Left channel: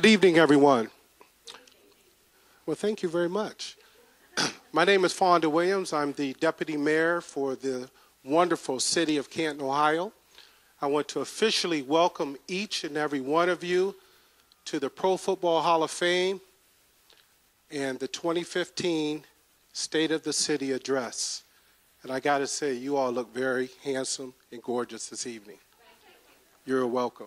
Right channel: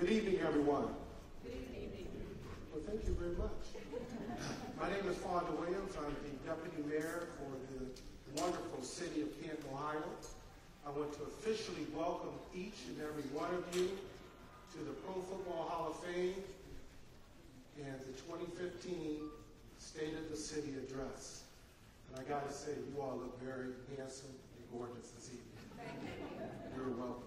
Good evening, everyone. Well, thank you very much. My name is Fonda Williams. I'm the Deputy Mayor for the wonderful city of Canton, Ohio. I want to officially welcome each and every one of you to the Pro Football Hall of Fame and the 2015 State of the City Address. And I gotta say, you all look very handsome and gorgeous this evening. You're welcome.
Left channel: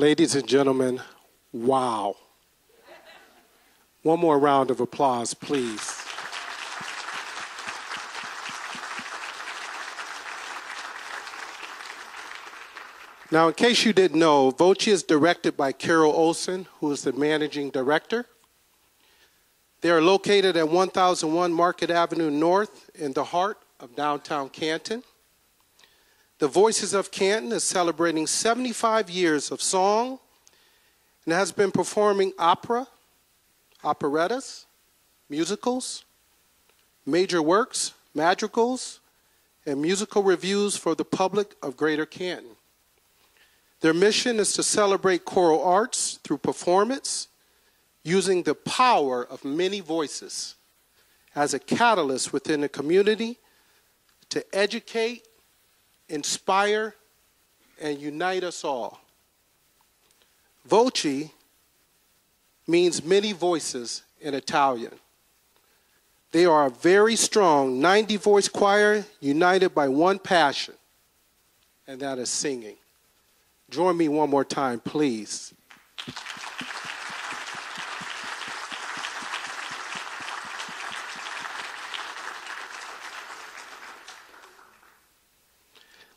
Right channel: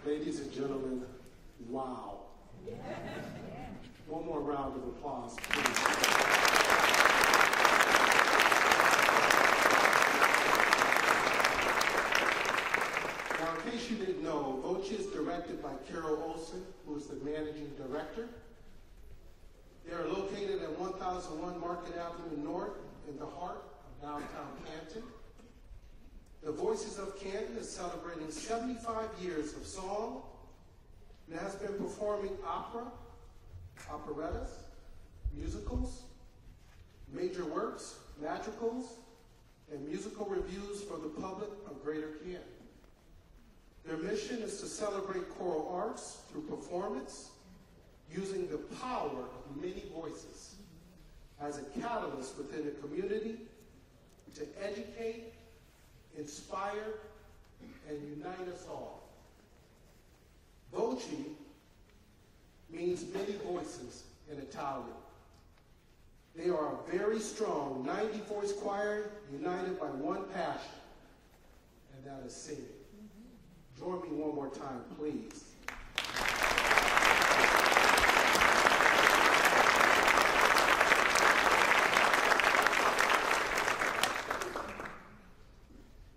Ladies and gentlemen, wow. One more round of applause, please. Now, in case you didn't know, Voce is directed by Carol Olson, who is the managing director. They are located at 1001 Market Avenue North in the heart of downtown Canton. The Voices of Canton is celebrating 75 years of song and has been performing opera, operettas, musicals, major works, madrigals, and musical reviews for the public of Greater Canton. Their mission is to celebrate choral arts through performance, using the power of many voices as a catalyst within the community to educate, inspire, and unite us all. Voce means many voices in Italian. They are a very strong 90-voice choir united by one passion, and that is singing. Join me one more time, please.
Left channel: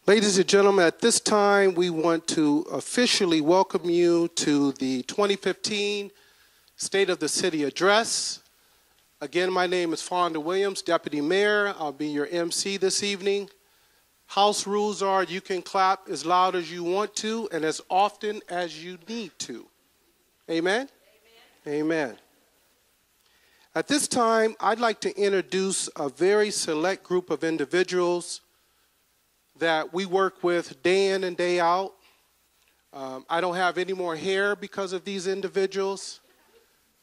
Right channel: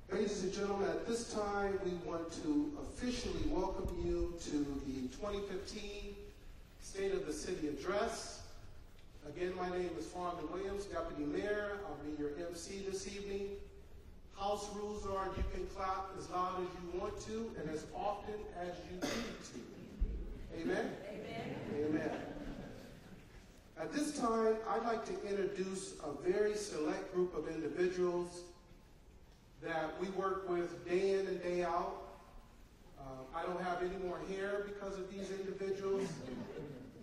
Ladies and gentlemen, at this time, we want to officially welcome you to the 2015 State of the City Address. Again, my name is Fonda Williams, Deputy Mayor. I'll be your MC this evening. House rules are you can clap as loud as you want to and as often as you need to. Amen? Amen. Amen. At this time, I'd like to introduce a very select group of individuals that we work with day in and day out. I don't have any more hair because of these individuals,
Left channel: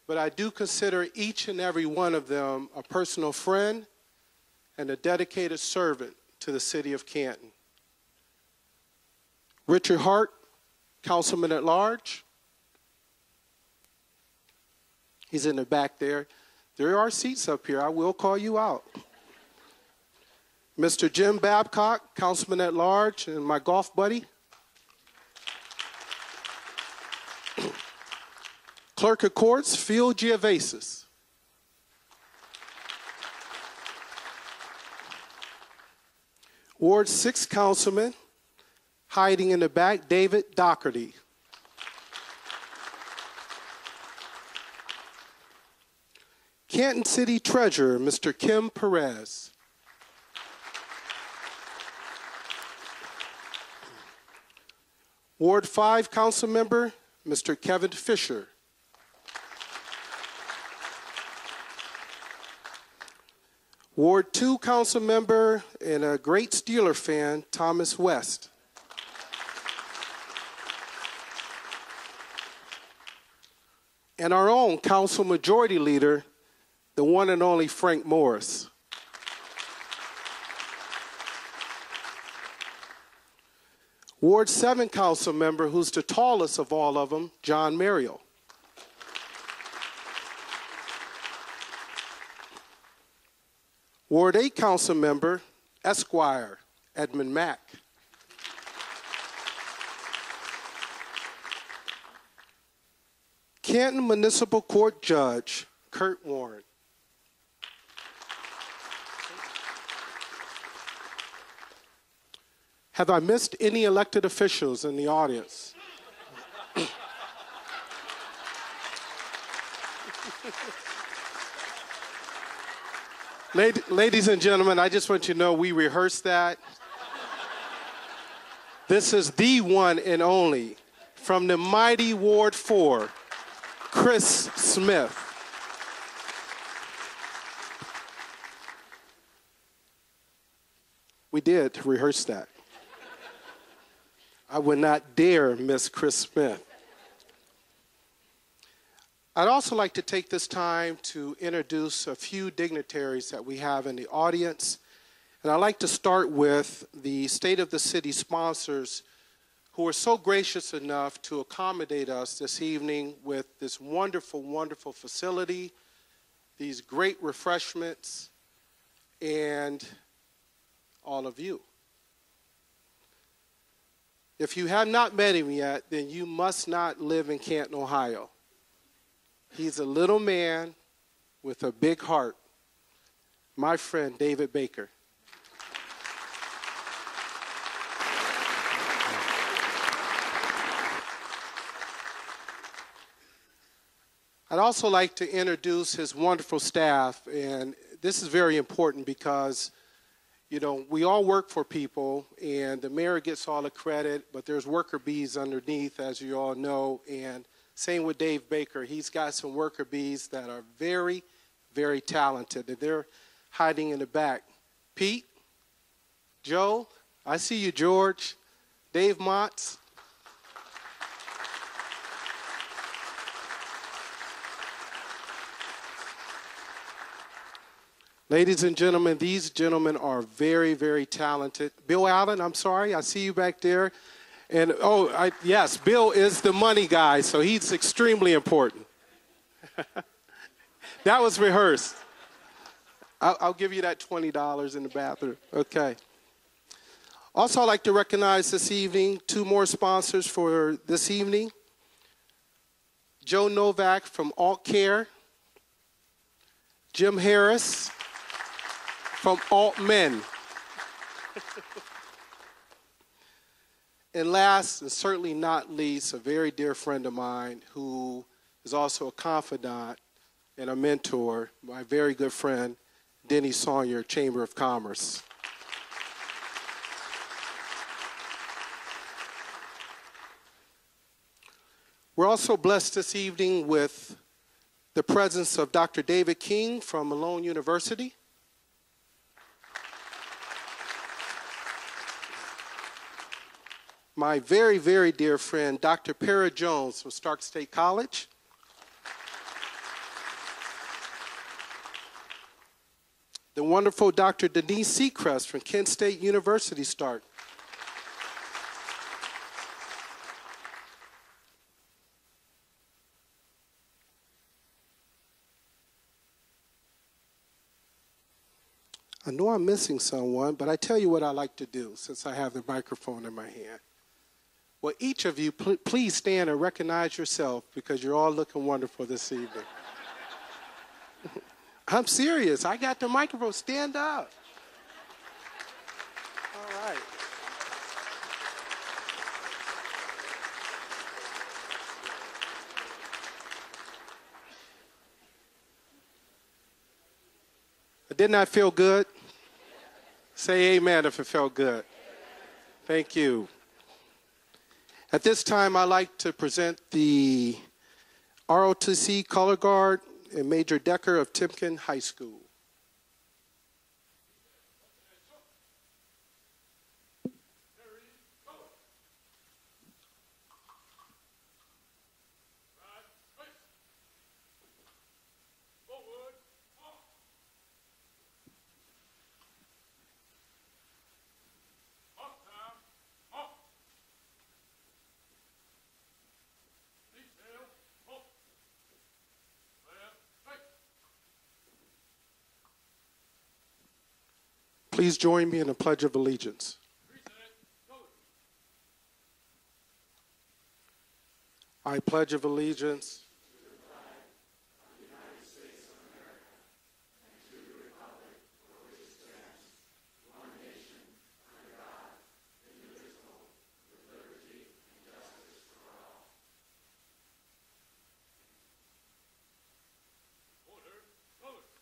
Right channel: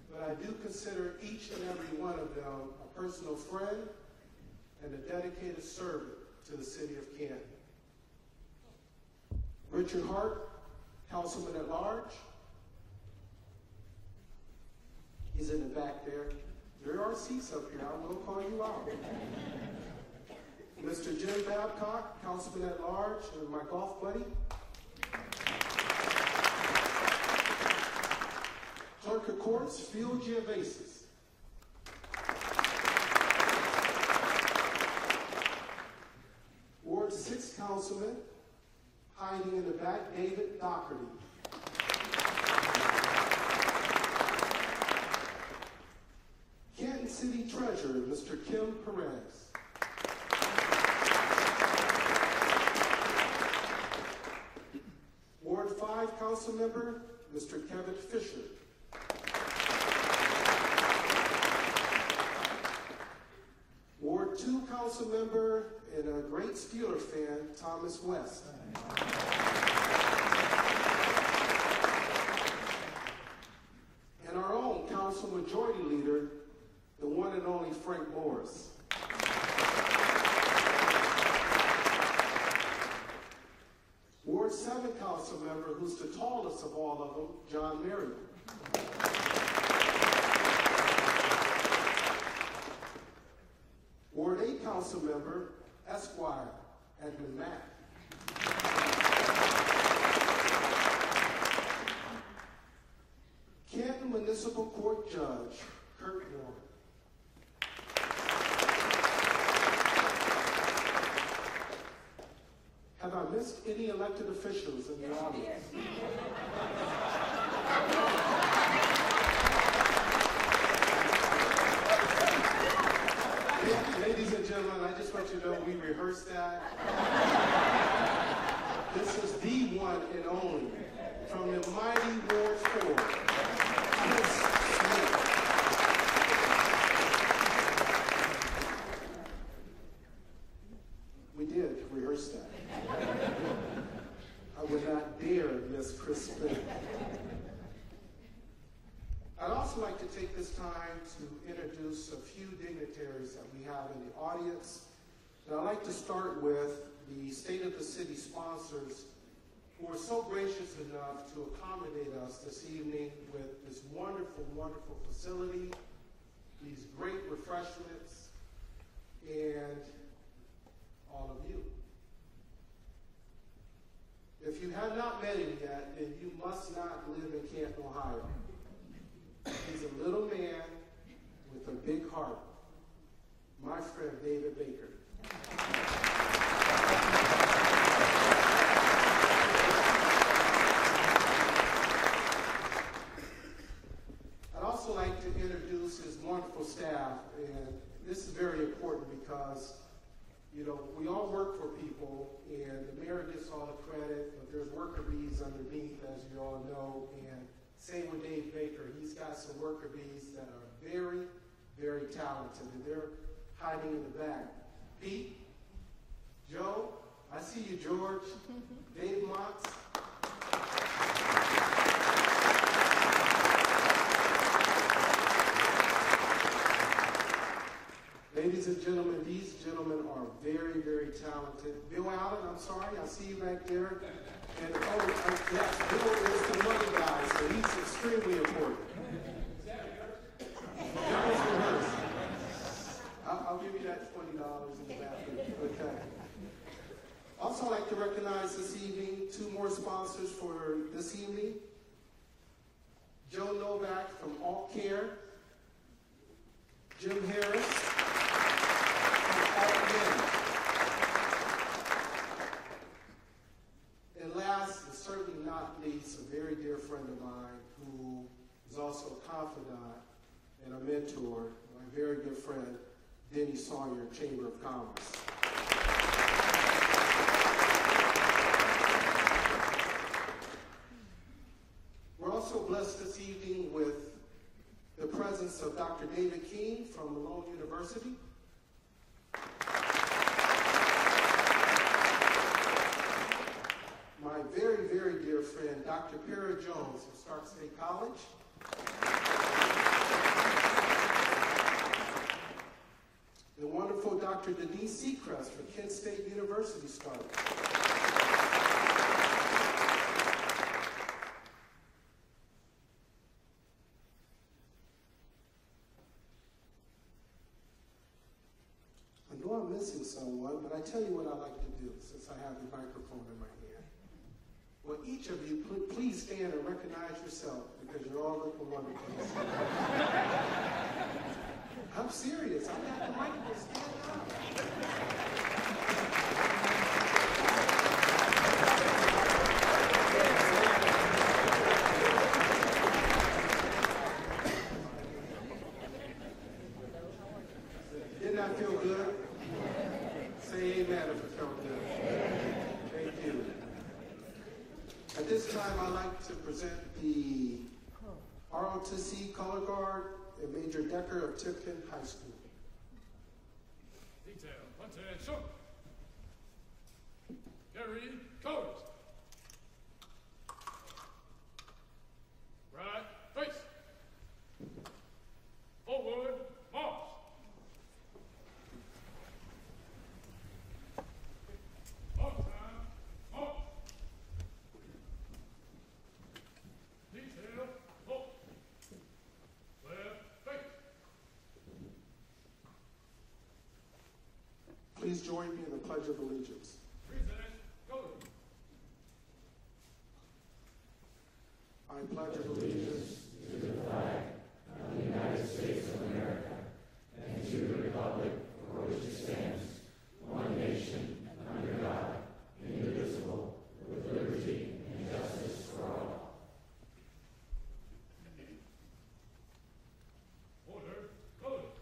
but I do consider each and every one of them a personal friend and a dedicated servant to the city of Canton. Richard Hart, Councilman at Large. He's in the back there. There are seats up here. I will call you out. Mr. Jim Babcock, Councilman at Large, and my golf buddy. Clerk of Courts, Phil Giavasis. Ward 6 Councilman, hiding in the back, David Doherty. Canton City Treasurer, Mr. Kim Perez. Ward 5 Council Member, Mr. Kevin Fisher. Ward 2 Council Member and a great Steeler fan, Thomas West. And our own Council Majority Leader, the one and only Frank Morris. Ward 7 Council Member, who's the tallest of all of them, John Mariel. Ward 8 Council Member, Esquire, Edmund Mack. Canton Municipal Court Judge, Kurt Warren. Have I missed any elected officials in the audience? Ladies and gentlemen, I just want you to know we rehearsed that. This is the one and only from the mighty Ward 4, Chris Smith. We did rehearse that. I would not dare miss Chris Smith. I'd also like to take this time to introduce a few dignitaries that we have in the audience. And I'd like to start with the State of the City sponsors who are so gracious enough to accommodate us this evening with this wonderful, wonderful facility, these great refreshments, and all of you. If you have not met him yet, then you must not live in Canton, Ohio. He's a little man with a big heart. My friend, David Baker. I'd also like to introduce his wonderful staff, and this is very important because, you know, we all work for people, and the mayor gets all the credit, but there's worker bees underneath, as you all know, and same with Dave Baker. He's got some worker bees that are very, very talented, and they're hiding in the back. Pete, Joe, I see you, George, Dave Motts. Ladies and gentlemen, these gentlemen are very, very talented. Bill Allen, I'm sorry, I see you back there. And yes, Bill is the money guy, so he's extremely important. That was rehearsed. I'll give you that $20 in the bathroom. Okay. Also, I'd like to recognize this evening 2 more sponsors for this evening. Joe Novak from Alt Care. Jim Harris from Alt Men. And last, and certainly not least, a very dear friend of mine who is also a confidant and a mentor, my very good friend, Denny Sawyer, Chamber of Commerce. We're also blessed this evening with the presence of Dr. David King from Malone University. My very, very dear friend, Dr. Para Jones from Stark State College. The wonderful Dr. Denise Seacrest from Kent State University, Stark. I know I'm missing someone, but I tell you what I like to do since I have the microphone in my hand. Well, each of you, please stand and recognize yourself because you're all looking wonderful this evening. I'm serious. I got the microphone. Stand up. Didn't that feel good? Say amen if it felt good. Thank you. At this time, I'd like to present the ROTC Color Guard and Major Decker of Timken High School. Please join me in a Pledge of Allegiance. I pledge of allegiance to the flag of the United States of America and to the republic for which it stands, one nation, under God, indivisible, with liberty and justice for all. Order, color.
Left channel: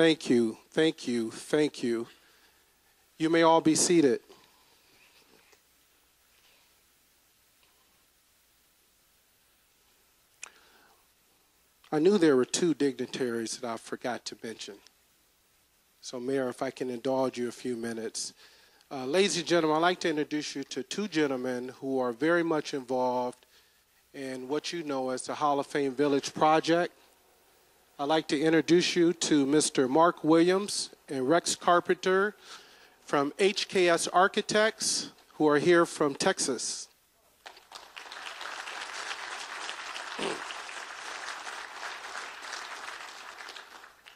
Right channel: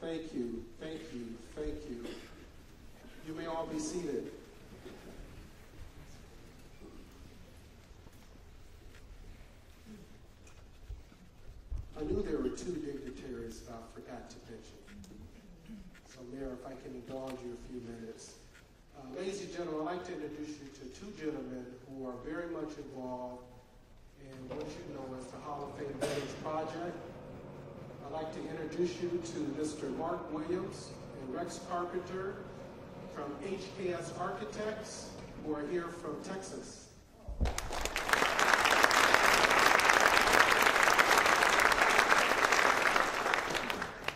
Thank you, thank you, thank you. You may all be seated. I knew there were two dignitaries that I forgot to mention. So, Mayor, if I can indulge you a few minutes. Ladies and gentlemen, I'd like to introduce you to two gentlemen who are very much involved in what you know as the Hall of Fame Village project. I'd like to introduce you to Mr. Mark Williams and Rex Carpenter from HKS Architects, who are here from Texas.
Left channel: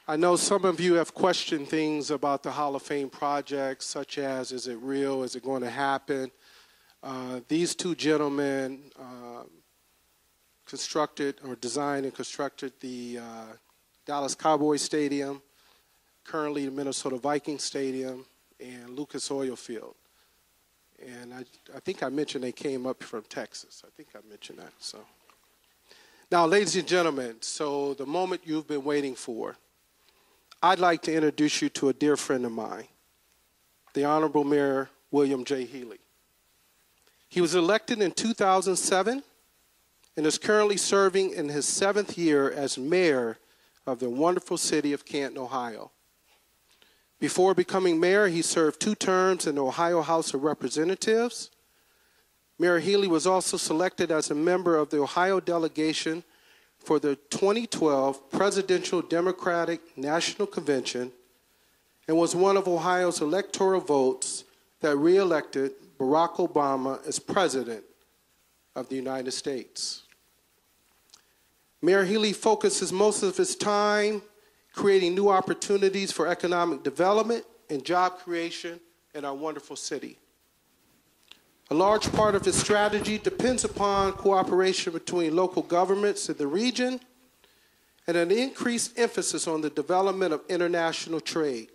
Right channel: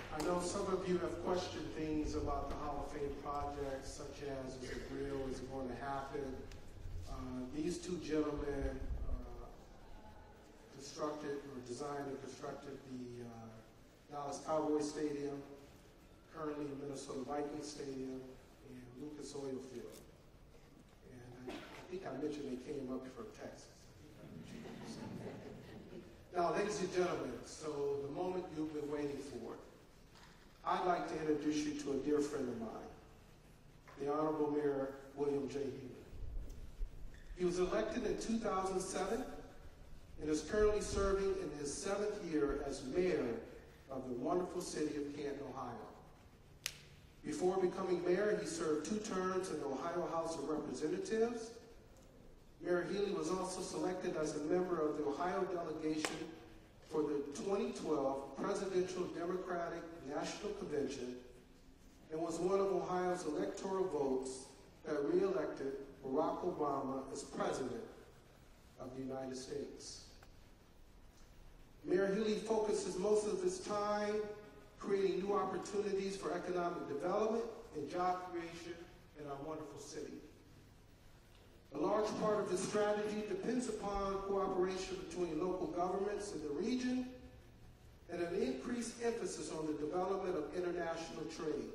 I know some of you have questioned things about the Hall of Fame project, such as, is it real, is it going to happen? These two gentlemen constructed or designed and constructed the Dallas Cowboys Stadium, currently the Minnesota Vikings Stadium, and Lucas Oil Field. And I think I mentioned they came up from Texas. I think I mentioned that. So, now, ladies and gentlemen, so the moment you've been waiting for, I'd like to introduce you to a dear friend of mine, the Honorable Mayor William J. Healy. He was elected in 2007 and is currently serving in his 7th year as mayor of the wonderful city of Canton, Ohio. Before becoming mayor, he served 2 terms in the Ohio House of Representatives. Mayor Healy was also selected as a member of the Ohio delegation for the 2012 Presidential Democratic National Convention and was one of Ohio's electoral votes that re-elected Barack Obama as President of the United States. Mayor Healy focuses most of his time creating new opportunities for economic development and job creation in our wonderful city. A large part of his strategy depends upon cooperation between local governments in the region and an increased emphasis on the development of international trade.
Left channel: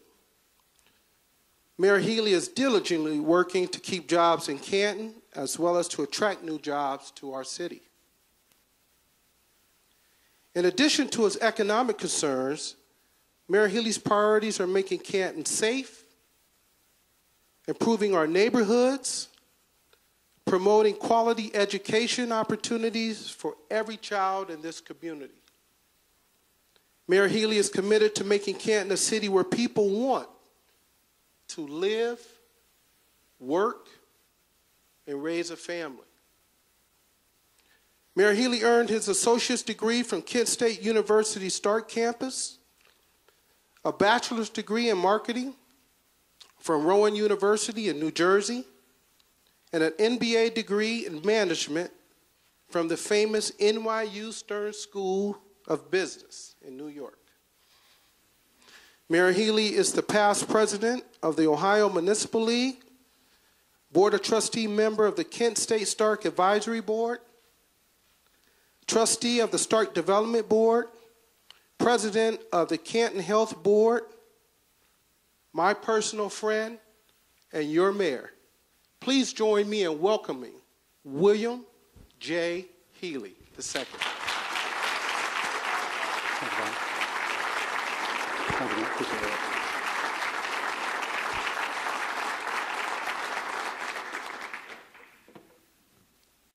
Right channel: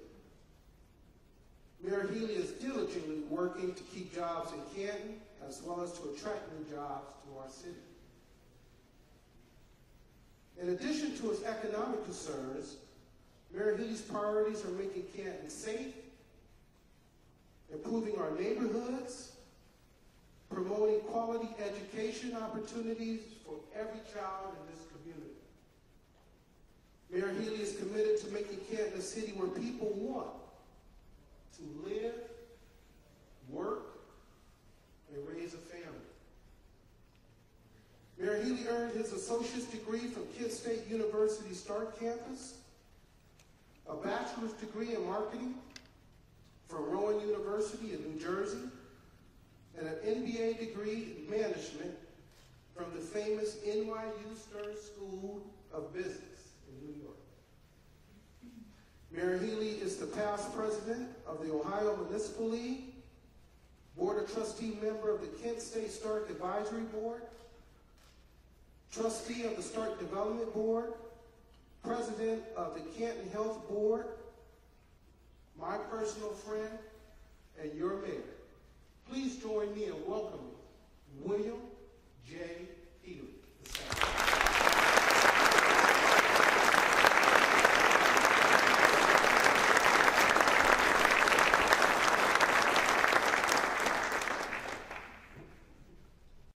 Mayor Healy is diligently working to keep jobs in Canton as well as to attract new jobs to our city. In addition to his economic concerns, Mayor Healy's priorities are making Canton safe, improving our neighborhoods, promoting quality education opportunities for every child in this community. Mayor Healy is committed to making Canton a city where people want to live, work, and raise a family. Mayor Healy earned his associate's degree from Kent State University Stark Campus, a bachelor's degree in marketing from Rowan University in New Jersey, and an MBA degree in management from the famous NYU Stern School of Business in New York. Mayor Healy is the past president of the Ohio Municipal League, Board of Trustee member of the Kent State Stark Advisory Board, trustee of the Stark Development Board, president of the Canton Health Board, my personal friend, and your mayor. Please join me in welcoming William J. Healy II.